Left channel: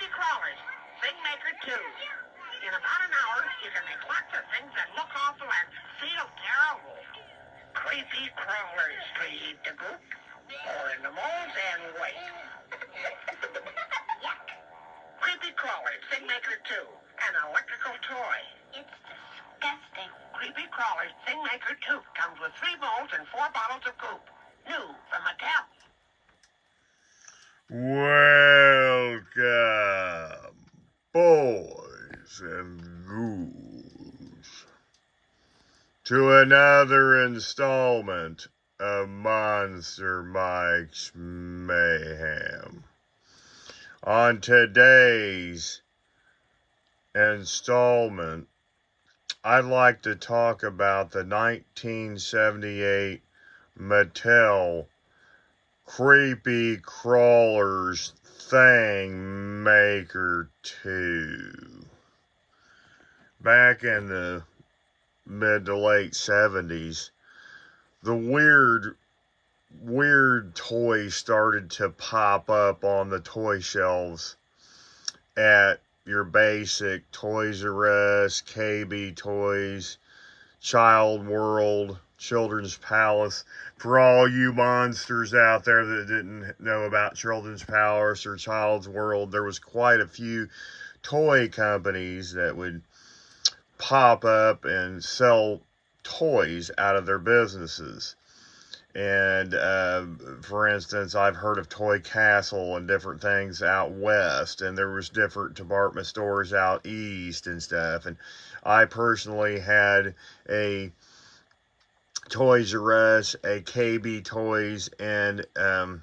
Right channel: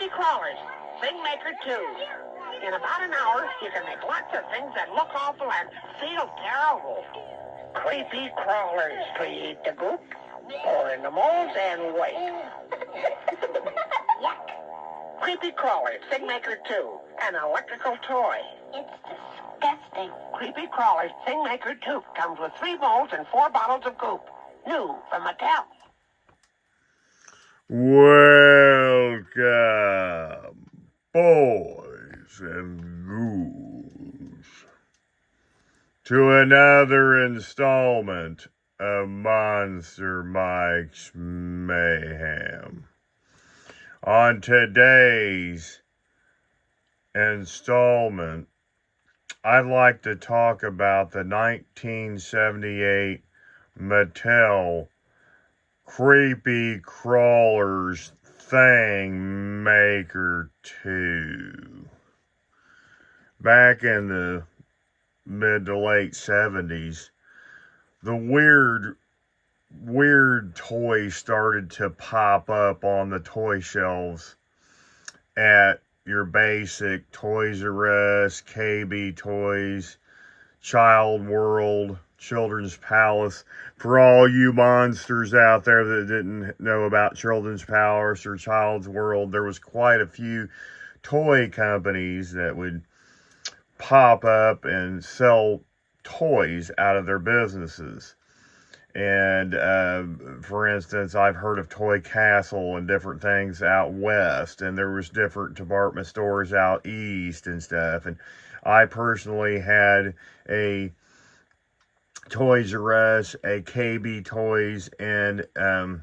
Creepy crawlers. Thing Maker 2. In about an hour, you can make lots of things that look awful and feel terrible. Creepy crawlers to eat the goop, pour in the molds, and wait. Yuck. Creepy crawlers, Thing Maker 2. An electrical toy. It's disgusting. Creepy crawlers, Thing Maker 2. Comes with 3 molds and 4 bottles of goop. New from Mattel. Welcome, boys and ghouls, to another installment of Monster Mike's Mayhem. On today's installment, I'd like to talk about the 1978 Mattel Creepy Crawlers Thing Maker 2. Back in the mid to late 70s, the weird toys started to pop up on the toy shelves at your basic Toys R Us, KB Toys, Child World, Children's Palace. For all you monsters out there that didn't know about Children's Palace or Child's World, there was quite a few toy companies that would pop up and sell toys out of their businesses. And for instance, I've heard of Toy Castle and different things out west, and there was different department stores out east and stuff. And I personally had a Toys R Us, a KB Toys, and a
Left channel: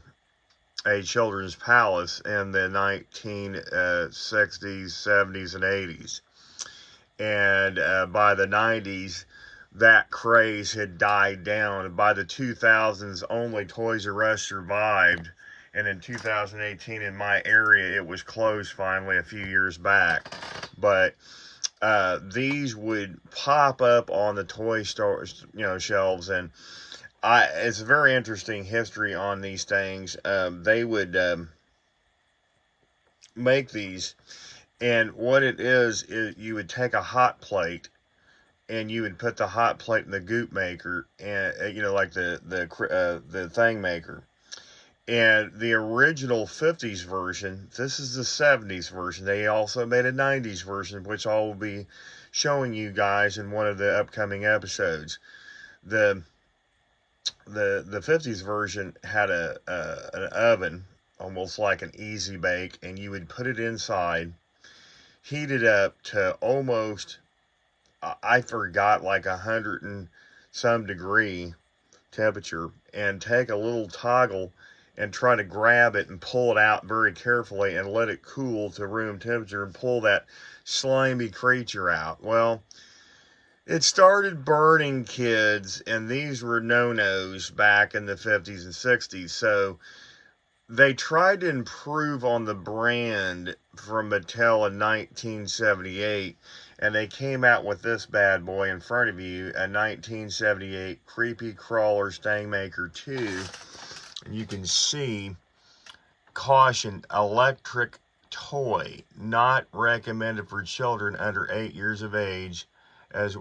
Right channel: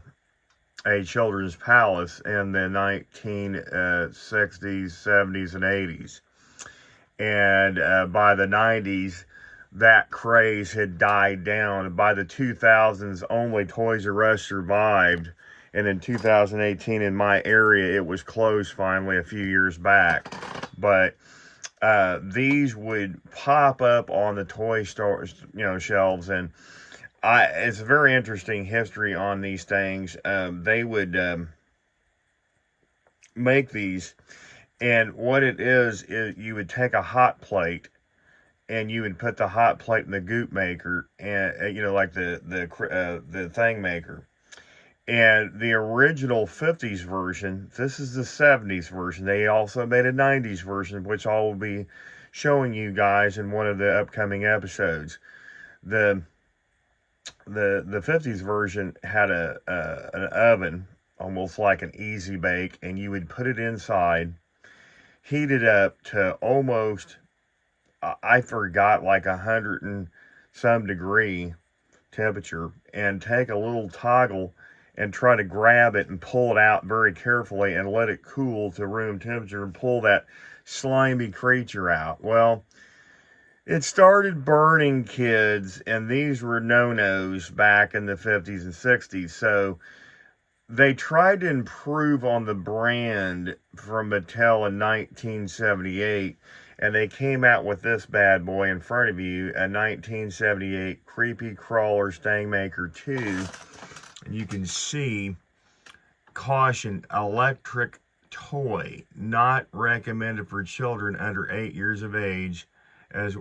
Children's Palace in the 1960s, 70s, and 80s. And by the 90s, that craze had died down. By the 2000s, only Toys R Us survived. And in 2018, in my area, it was closed finally a few years back. But these would pop up on the toy stores, shelves, and it's a very interesting history on these things. They would make these, and what it is you would take a hot plate, and you would put the hot plate in the goop maker, and like the thing maker. And the original 50s version, this is the 70s version. They also made a 90s version, which I will be showing you guys in one of the upcoming episodes. The 50s version had an oven, almost like an easy bake, and you would put it inside, heat it up to almost, I forgot, like 100 and some degree temperature, and take a little toggle and try to grab it and pull it out very carefully and let it cool to room temperature and pull that slimy creature out. Well, it started burning, kids, and these were no-nos back in the 50s and 60s. So they tried to improve on the brand from Mattel in 1978, and they came out with this bad boy in front of you, a 1978 Creepy Crawlers Thing Maker 2. And you can see, caution, electric toy, not recommended for children under 8 years of age, as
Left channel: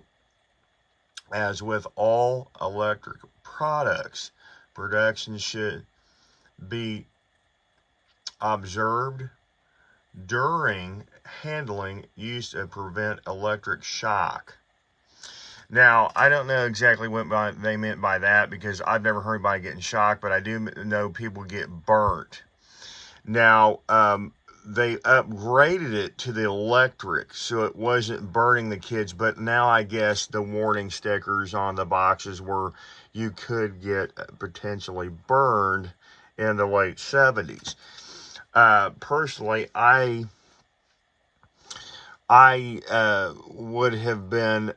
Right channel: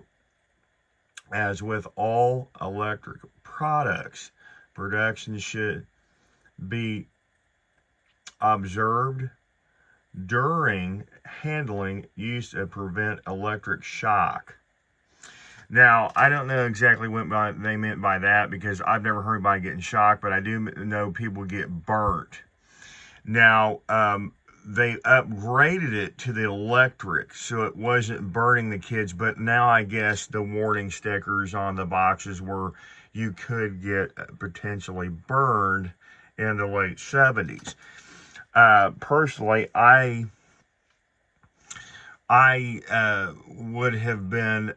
with all electric products. Production should be observed during handling, use to prevent electric shock. Now, I don't know exactly what they meant by that, because I've never heard anybody getting shocked, but I do know people get burnt. Now, they upgraded it to the electric, so it wasn't burning the kids, but now I guess the warning stickers on the boxes were you could get potentially burned in the late 70s. Personally, I would have been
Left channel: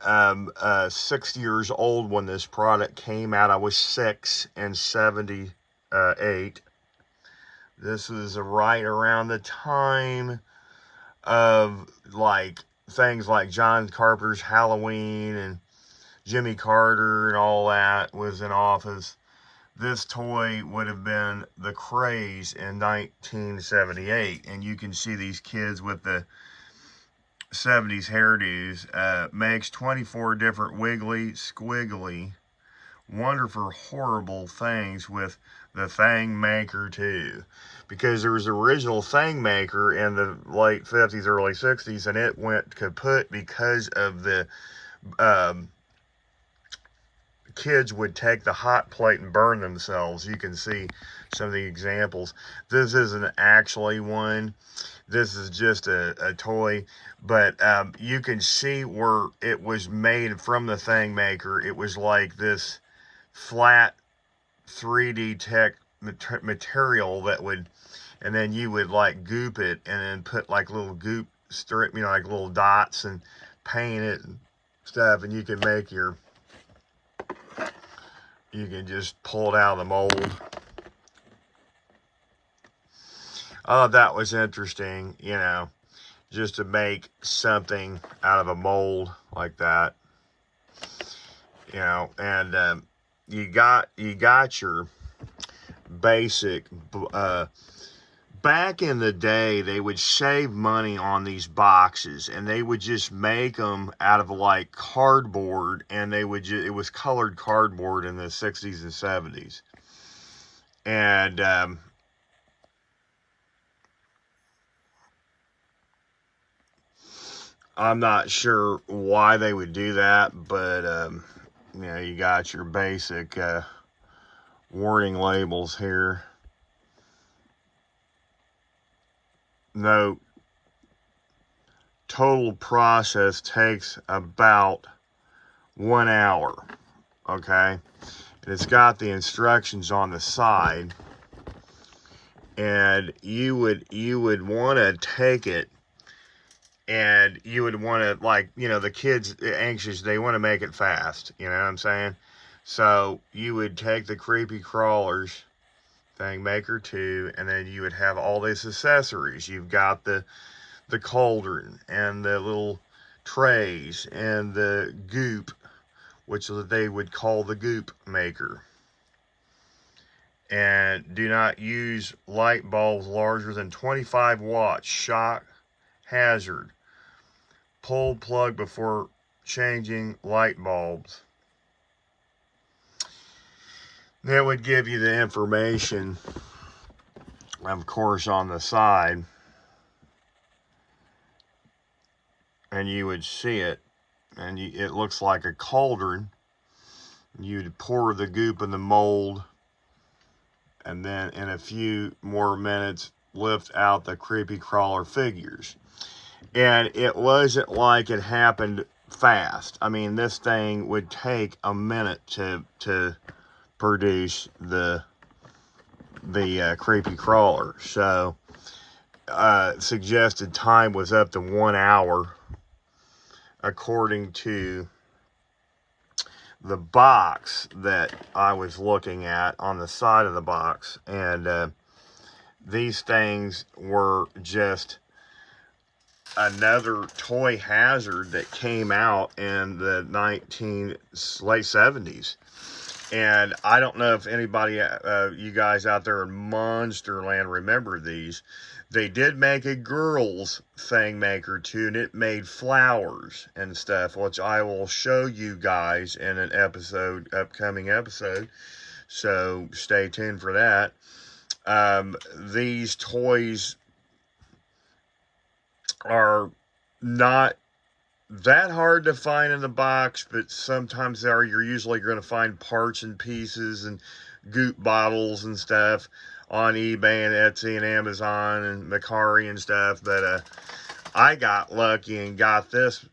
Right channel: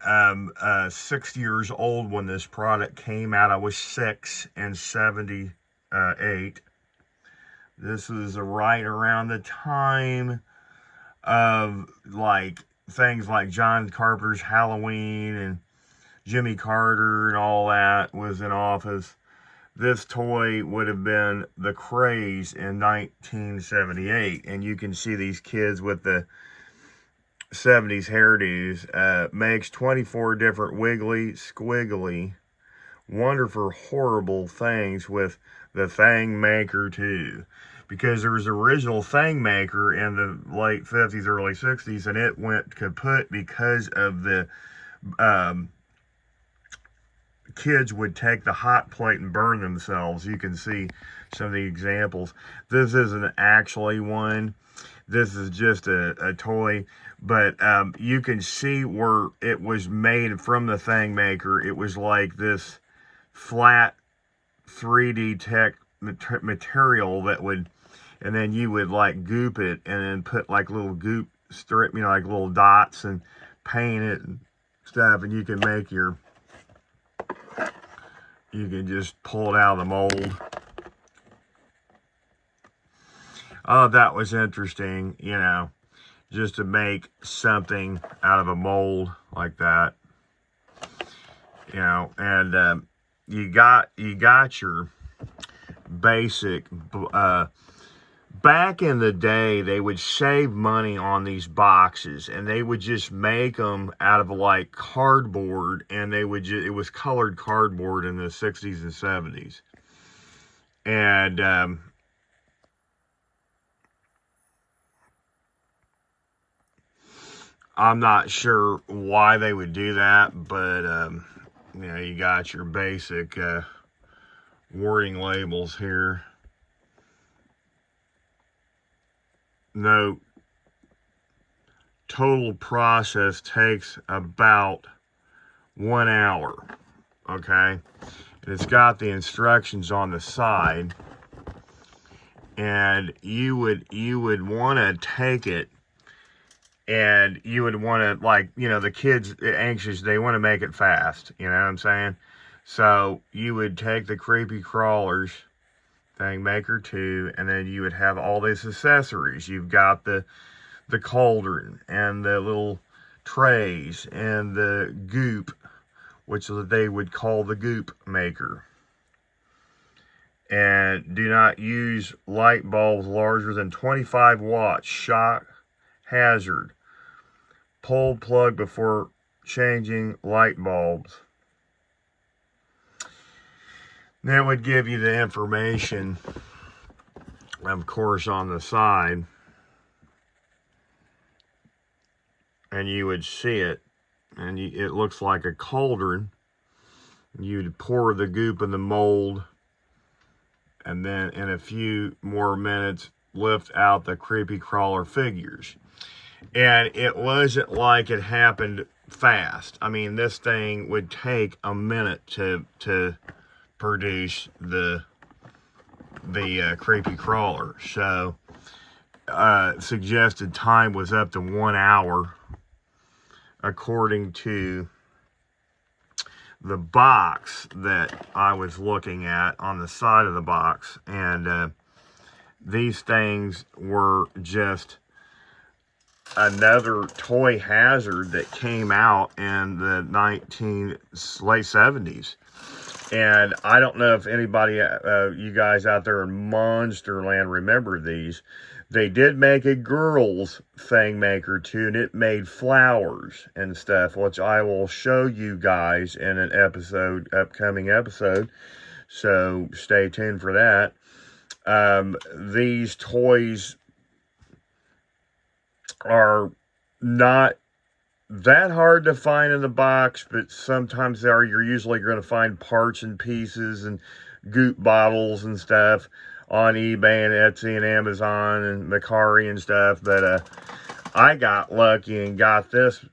6 years old when this product came out. I was 6 in 78. This was right around the time of things like John Carpenter's Halloween and Jimmy Carter and all that was in office. this toy would have been the craze in 1978. And you can see these kids with the 70s hairdos. Makes 24 different wiggly, squiggly, wonderful, horrible things with the Thing Maker 2. Because there was an original Thing Maker in the late 50s, early 60s, and it went kaput because of the kids would take the hot plate and burn themselves. You can see some of the examples. This isn't actually one. This is just a toy, but you can see where it was made from the Thing Maker. It was like this flat 3D tech material that would, and then you would like goop it and then put like little goop strip, you know, like little dots, and paint it and stuff, and you can make your, you can just pull it out of the mold. Oh, that was interesting, you know, just to make something out of a mold like that, you know. And you got your basic, back in the day, they would save money on these boxes, and they would just make them out of like cardboard, and they would just, it was colored cardboard in the 60s and 70s. And I'm not sure why they would do that, but you know, you got your basic warning labels here. Note, total process takes about 1 hour, okay? And it's got the instructions on the side, and you would want to take it, and you would want to, like, you know, the kids anxious, they want to make it fast, you know what I'm saying? So you would take the creepy crawlers, Thing Maker 2, and then you would have all these accessories. You've got the cauldron and the little trays and the goop, which they would call the goop maker. And do not use light bulbs larger than 25 watts. Shock hazard. Pull plug before changing light bulbs. That would give you the information, of course, on the side, and you would see it, and it looks like a cauldron. You'd pour the goop in the mold, and then in a few more minutes lift out the creepy crawler figures. And it wasn't like it happened fast. I mean, this thing would take a minute to produce the creepy crawler. So suggested time was up to 1 hour, according to the box that I was looking at on the side of the box. And these things were just another toy hazard that came out in the late 70s. And I don't know if anybody, you guys out there in Monsterland remember these. They did make a girl's Thing Maker 2, and it made flowers and stuff, which I will show you guys in an upcoming episode. So stay tuned for that. These toys are not that hard to find in the box, but sometimes you're usually going to find parts and pieces and goop bottles and stuff on eBay and Etsy and Amazon and Mercari and stuff. But I got lucky and got this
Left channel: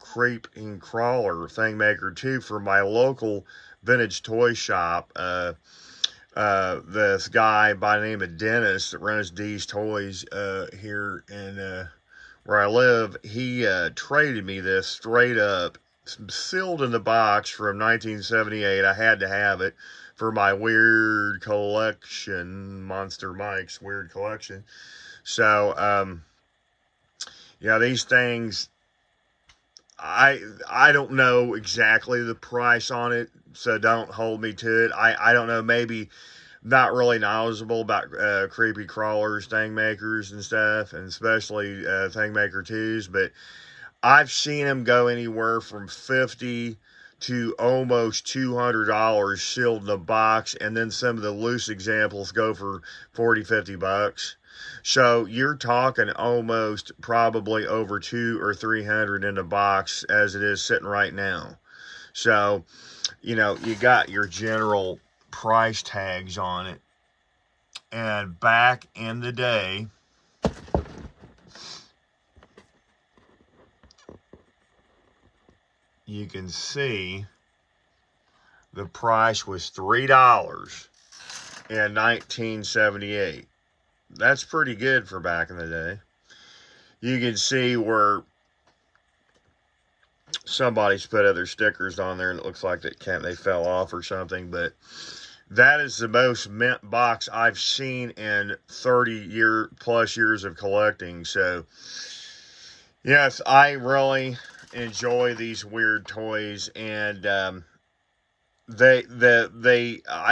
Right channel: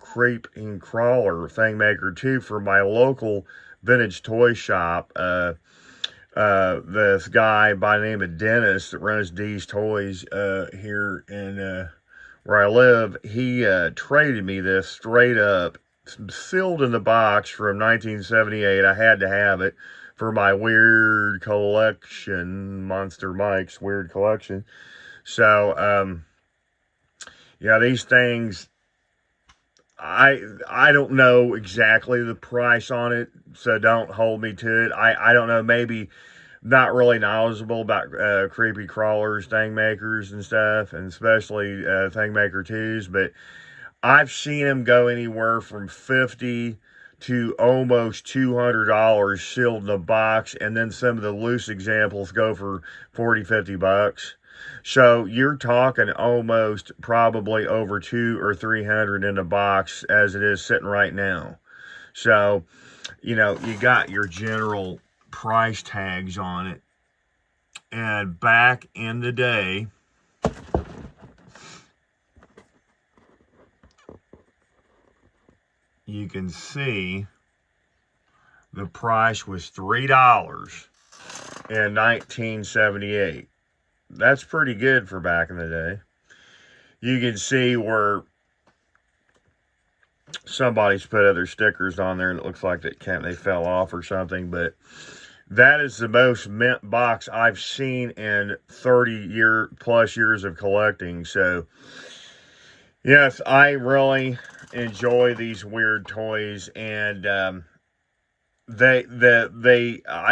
creepy crawler Thing Maker 2 for my local vintage toy shop. This guy by the name of Dennis that runs D's Toys here in where I live, he traded me this straight up, sealed in the box from 1978. I had to have it for my weird collection, Monster Mike's weird collection. So, yeah, these things, I don't know exactly the price on it, so don't hold me to it. I don't know, maybe not really knowledgeable about creepy crawlers, thing makers, and stuff, and especially thing maker 2s, but I've seen them go anywhere from 50 to almost $200 sealed in a box, and then some of the loose examples go for 40-50 bucks. So you're talking almost probably over 200 or 300 in a box as it is sitting right now. So, you know, you got your general price tags on it. And back in the day, you can see the price was $3 in 1978. That's pretty good for back in the day. You can see where somebody's put other stickers on there and it looks like they fell off or something, but that is the most mint box I've seen in 30 plus years of collecting. So yes, I really enjoy these weird toys, and I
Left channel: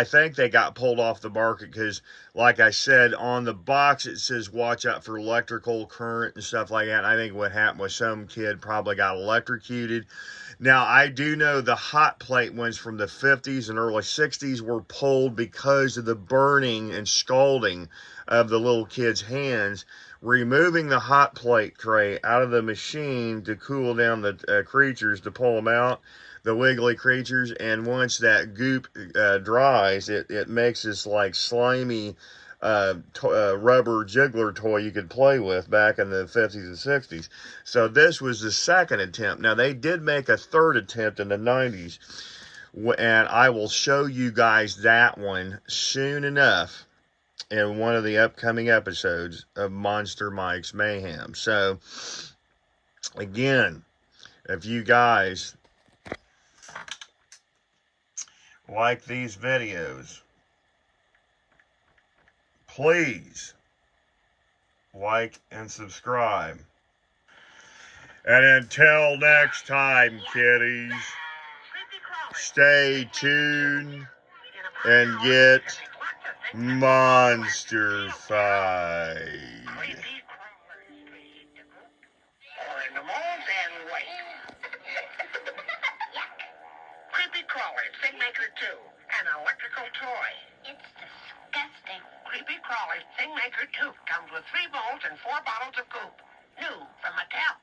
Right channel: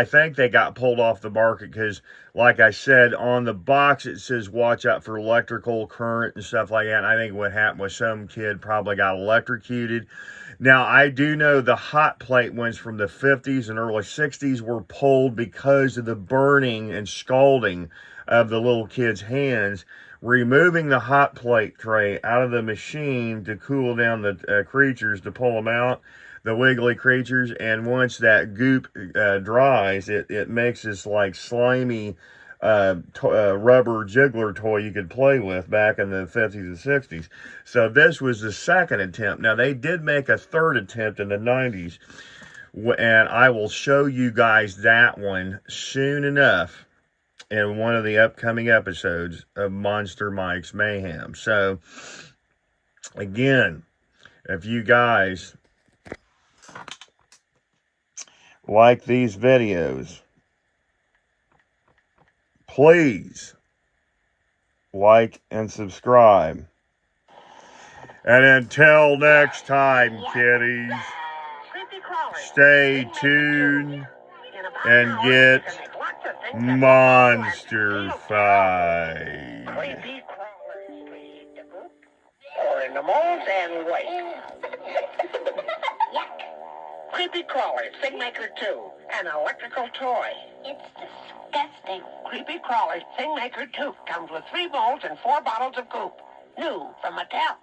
think they got pulled off the market because, like I said, on the box it says watch out for electrical current and stuff like that. And I think what happened was some kid probably got electrocuted. Now, I do know the hot plate ones from the 50s and early 60s were pulled because of the burning and scalding of the little kids' hands. Removing the hot plate tray out of the machine to cool down the creatures, to pull them out, the wiggly creatures, and once that goop dries, it makes this like slimy rubber jiggler toy you could play with back in the 50s and 60s. So this was the second attempt. Now, they did make a third attempt in the 90s, and I will show you guys that one soon enough in one of the upcoming episodes of Monster Mike's Mayhem. So, again, if you guys like these videos, please like and subscribe. And until next time, kiddies, stay tuned and get monster-fied. Or in the moles and wait. Creepy Crawlers, Thing Maker 2, an electrical toy. It's disgusting. Creepy Crawlers, Thing Maker 2 comes with 3 molds and 4 bottles of goop. New from Mattel.